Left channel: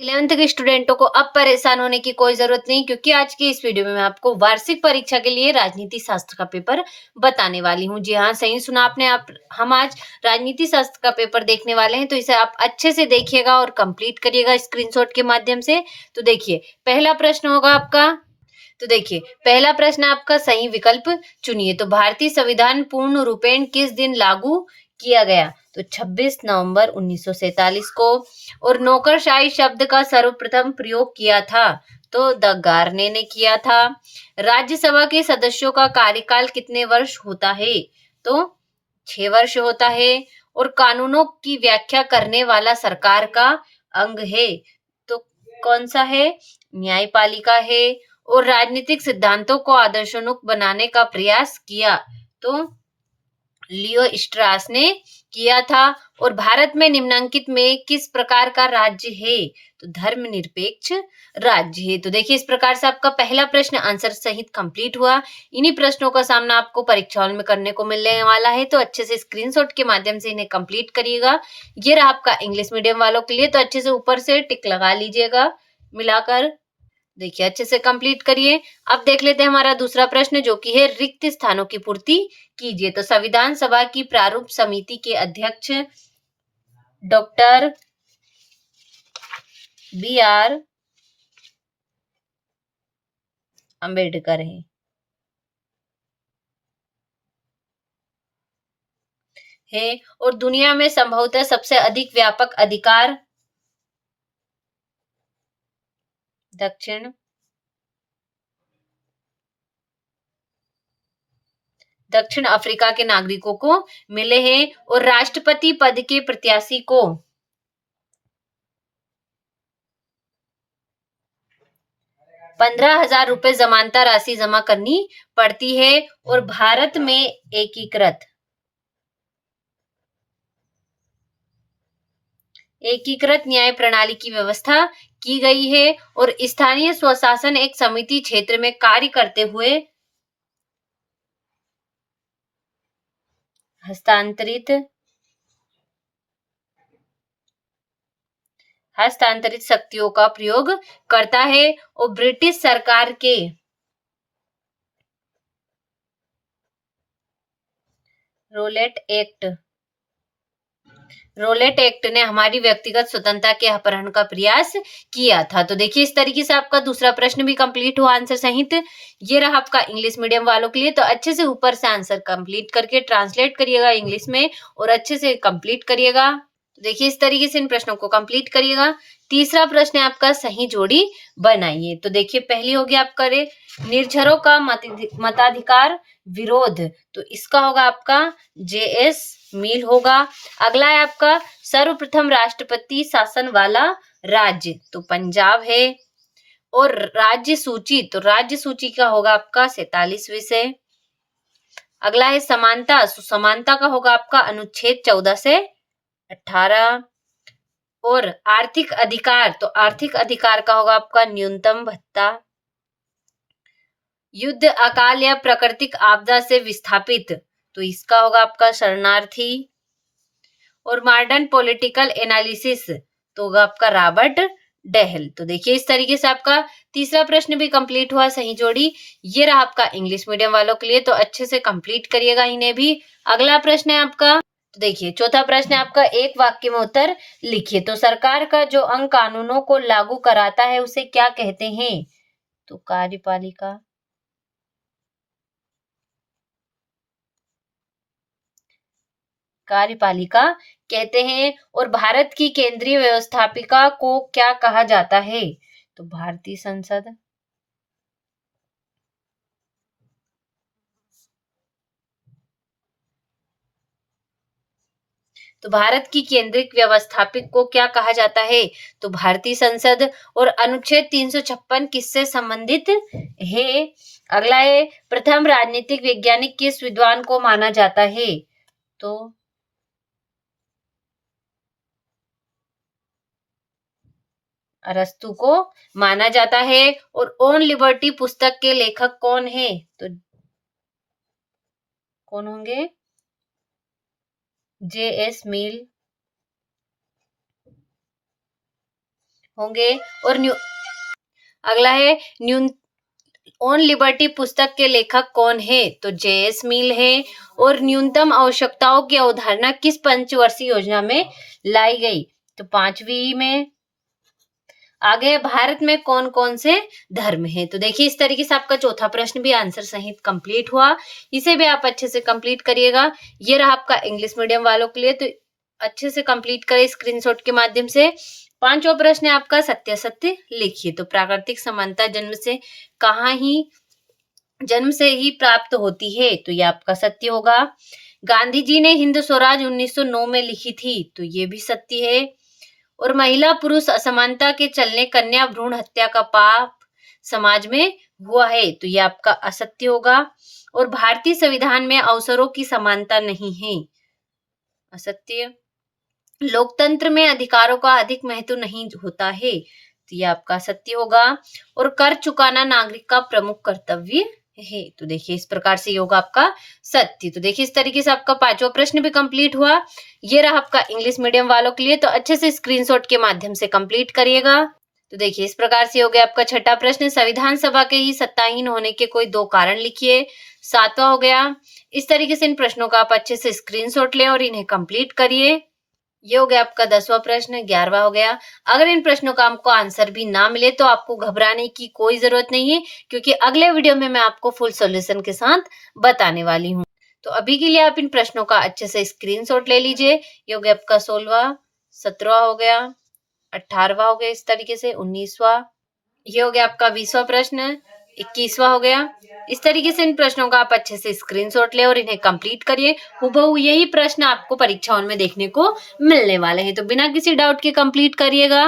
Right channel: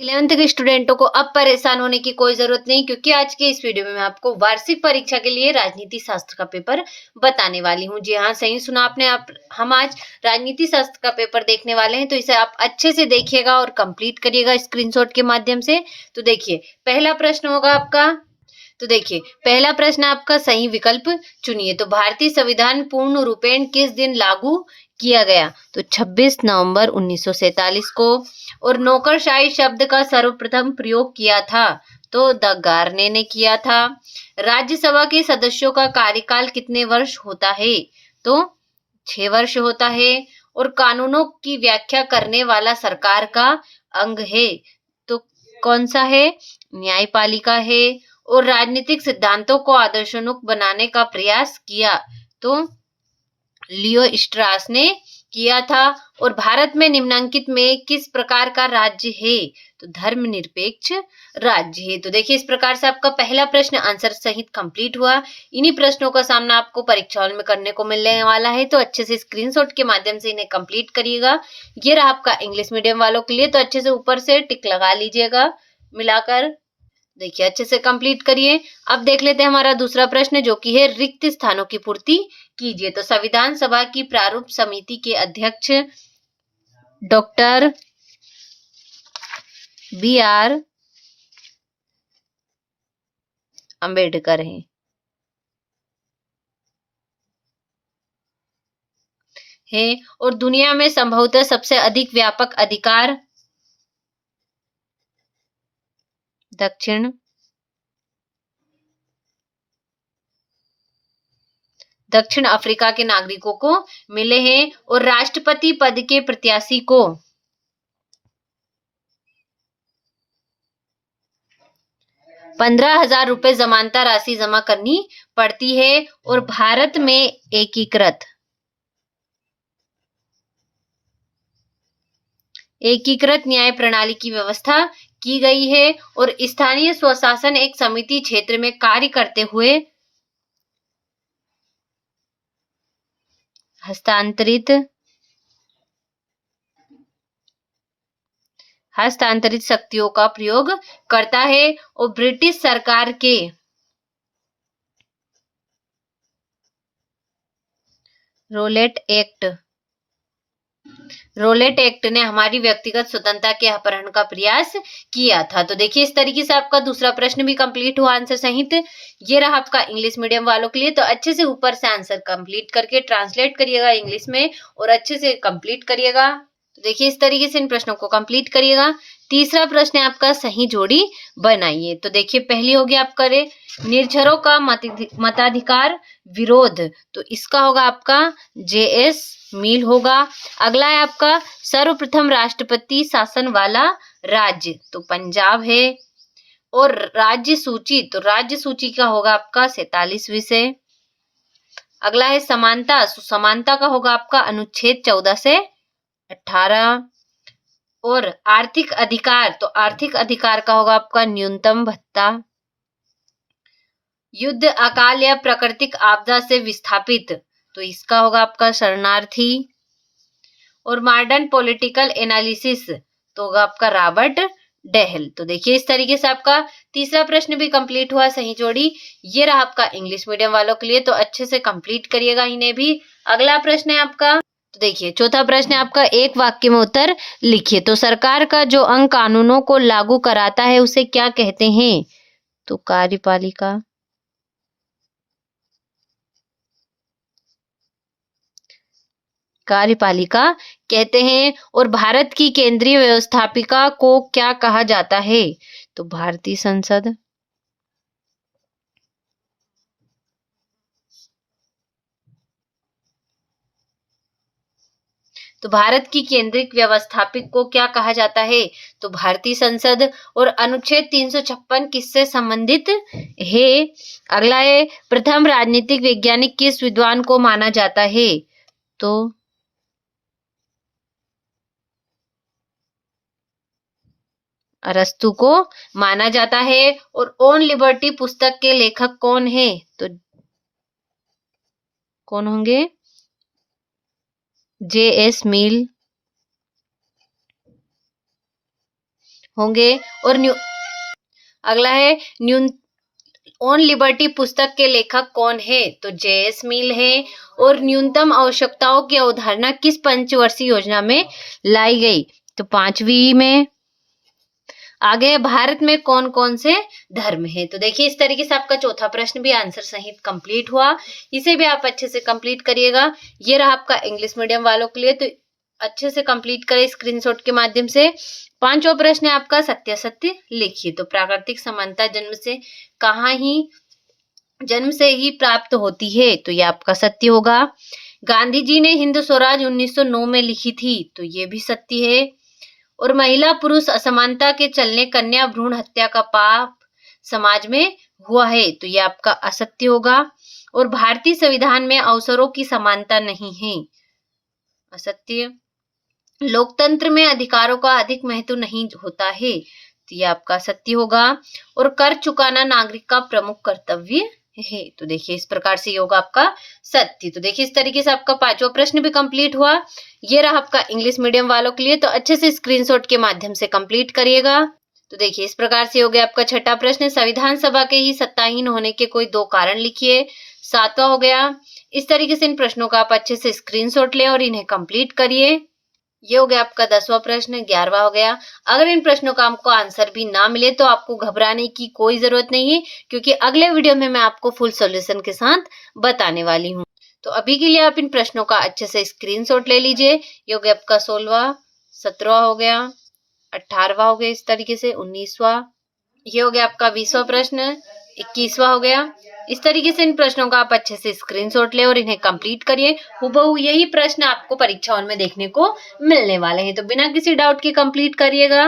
11th के स्टूडेंटों को अब परेशान होने की कोई जरूरत नहीं, क्योंकि आज की इस वीडियो में मैं आपको वार्षिक परीक्षा के लिए राजनीति शास्त्र का पेपर बताने वाली हूँ। जी हाँ, सही सुना आपने। आप हम आज राजनीति शास्त्र का पेपर देखने वाले हैं, तो इसे आप अच्छे से देखिएगा और कंप्लीट करिएगा स्क्रीनशॉट के माध्यम से। तो देखिए, पहला प्रश्न होगा आपका। तो देखिए, पहला प्रश्न आपका सही विकल्प चुनिए। तो भारतीय संविधान पूर्ण रूपेण किस दिन लागू किया गया? तो 26 नवंबर 1947 को। और नौकरशाही शब्द का सर्वप्रथम प्रयोग किया था? तो द गार्ने ने किया था। राज्यसभा के सदस्यों का कार्यकाल कितने वर्ष होता है? तो 6 वर्ष होता है। और कानूनों की व्याख्या करने वाला सरकार का अंग है? तो कौन सा है? न्यायपालिका है। और राजनीतिक सिद्धांतों को आदर्शोन्मुख बनाने का प्रयास किया? तो लियो स्ट्रास ने किया था। और भारत में निम्नलिखित में किस प्रकार का राज्य है? तो धर्मनिरपेक्ष राज्य है। तो देखिए, इस प्रकार से आपका पहला प्रश्न आंसर सहित कंप्लीट हुआ। इन्हीं प्रश्नों का सामना आपको परीक्षा हॉल में करने को मिलने वाला है, तो अच्छे से स्क्रीनशॉट के माध्यम से इन्हें कंप्लीट करिएगा। ये रहा आपका इंग्लिश मीडियम वालों के लिए, तो अच्छे से ऊपर से टिक लगा लीजिएगा मिलाकर। देखिए, अच्छे से कंप्लीट करिए। अब देख लेते हैं हमारा दूसरा प्रश्न, जो कि है रिक्त स्थानों की पूर्ति कीजिए। तो संविधान सभा की प्रारूप समिति के अध्यक्ष डॉक्टर बी.आर. अंबेडकर है। और दुनिया में संभवतः सबसे अधिक व्यापक अधिकार दक्षिण अफ्रीका के नागरिकों को मिले हैं। और राष्ट्रपति पद के प्रत्याशी को 15,000 रुपए जमानता राशि जमा करनी पड़ती है। और भारत में एकीकृत न्याय प्रणाली की व्यवस्था की गई है। और स्थानीय स्वशासन एक समिति क्षेत्र में कार्य करते हुए हस्तांतरित शक्तियों का प्रयोग करता है। और ब्रिटिश सरकार के रोलेट एक्ट ने हमारी व्यक्तिगत स्वतंत्रता के अपहरण का प्रयास किया था। तो देखिए, इस तरीके से आपका दूसरा प्रश्न भी कंप्लीट हुआ आंसर सहित। ये रहा आपका इंग्लिश मीडियम वालों के लिए, तो अच्छे से ऊपर से आंसर कंप्लीट करके ट्रांसलेट करिएगा इंग्लिश में और अच्छे से कंप्लीट करिएगा। तो देखिए, इस तरीके से इन प्रश्नों को कंप्लीट करिएगा। तीसरा प्रश्न है आपका सही जोड़ी बनाइए। तो देखिए, पहली होगी आपका निर्झरों का मताधिकार विरोध। तो इसका होगा आपका जे.एस. मील होगा। अगला है आपका सर्वप्रथम राष्ट्रपति शासन वाला राज्य। तो पंजाब है। और राज्य सूची, तो राज्य सूची का होगा आपका 47 विषय। अगला है समानता। समानता का होगा आपका अनुच्छेद 14 से 18। और आर्थिक अधिकार, तो आर्थिक अधिकार का होगा आपका न्यूनतम भत्ता। युद्ध, अकाल या प्राकृतिक आपदा से विस्थापित, तो इसका होगा आपका शरणार्थी। और मॉडर्न पॉलिटिकल एनालिसिस, तो होगा आपका रॉबर्ट डेहल। तो देखिए, इस तरीके से आपका तीसरा प्रश्न भी कंप्लीट हुआ सही जोड़ी। ये रहा आपका इंग्लिश मीडियम वालों के लिए, तो अच्छे से कंप्लीट करिएगा इन्हें भी। अगला प्रश्न है आपका। तो देखिए, चौथा प्रश्न है आपका एक वाक्य में उत्तर लिखिए। तो सरकार का जो अंग कानूनों को लागू कराता है उसे क्या कहते हैं? तो कार्यपालिका कहते हैं। और भारत की केंद्रीय व्यवस्थापिका को क्या कहा जाता है? तो भारतीय संसद। तो भारत की केंद्रीय व्यवस्थापिक को क्या कहा जाता है? तो भारतीय संसद। और अनुच्छेद 356 किससे संबंधित है? अगला है प्रथम राजनीतिक वैज्ञानिक किस विद्वान को माना जाता है? तो अरस्तु को माना जाता है। और ऑन लिबर्टी पुस्तक के लेखक कौन है? तो कौन होंगे? जे.एस. मील होंगे। और अगला है न्यून ऑन लिबर्टी पुस्तक के लेखक कौन है? तो जे.एस. मिल है। और न्यूनतम आवश्यकताओं की अवधारणा किस पंचवर्षीय योजना में लाई गई? तो 5वीं में। आगे भारत में कौन कौन से धर्म है? तो देखिए इस तरीके से आपका चौथा प्रश्न भी आंसर सहित कंप्लीट हुआ। इसे भी आप अच्छे से कंप्लीट करिएगा। ये रहा आपका इंग्लिश मीडियम वालों के लिए, तो अच्छे से कंप्लीट करें स्क्रीनशॉट के माध्यम से। 5वां प्रश्न है आपका सत्यासत्य लिखिए। तो प्राकृतिक समानता जन्म से ही प्राप्त होती है, तो ये आपका सत्य होगा। गांधी जी ने हिंद स्वराज 1909 में लिखी थी, तो ये भी सत्य है। और महिला पुरुष असमानता के चलने कन्या भ्रूण हत्या का पाप समाज में हुआ है, तो ये आपका असत्य होगा। और भारतीय संविधान में अवसरों की समानता नहीं है, असत्य। लोकतंत्र में अधिकारों का अधिक महत्व नहीं होता है, तो ये आपका सत्य होगा। और कर चुकाना नागरिक का प्रमुख कर्तव्य है, तो देखिए इस प्रकार से ये होगा आपका सत्य। तो देखिए इस तरीके से आपका 5वां प्रश्न भी कंप्लीट हुआ। ये रहा आपका इंग्लिश मीडियम वालों के लिए, तो अच्छे से स्क्रीनशॉट के माध्यम से कंप्लीट करिएगा। तो देखिए इस प्रकार से हो गया आपका छठा प्रश्न, संविधान सभा के ही सत्ताहीन होने के कोई 2 कारण लिखिए। 7वां हो गया। इस तरीके से इन प्रश्नों का आप अच्छे से स्क्रीनशॉट लें और इन्हें कंप्लीट करिए। ये हो गया आपका 10वां प्रश्न। 11वां हो गया। अगर इन प्रश्नों का आपको आंसर भी ना मिले तो आपको घबराने की कोई जरूरत नहीं है, क्योंकि अगले वीडियो में मैं आपको फुल सॉल्यूशन के साथ बताने वाली हूँ। तो अभी के लिए आप इन प्रश्नों का अच्छे से स्क्रीनशॉट ले लीजिए। ये हो गया आपका 16वां, 17वां हो गया, 18वां हो गया, इस तरीके से 19वां, ये हो गया आपका 20वां प्रश्न, 21वां हो गया। इस तरीके से इन प्रश्नों का आप अच्छे से स्क्रीनशॉट लें और इन्हें कंप्लीट करिए। हूबहू यही प्रश्न आपको परीक्षाओं में देखने को मिलने वाले हैं, तो बिना किसी डाउट के कंप्लीट करिएगा।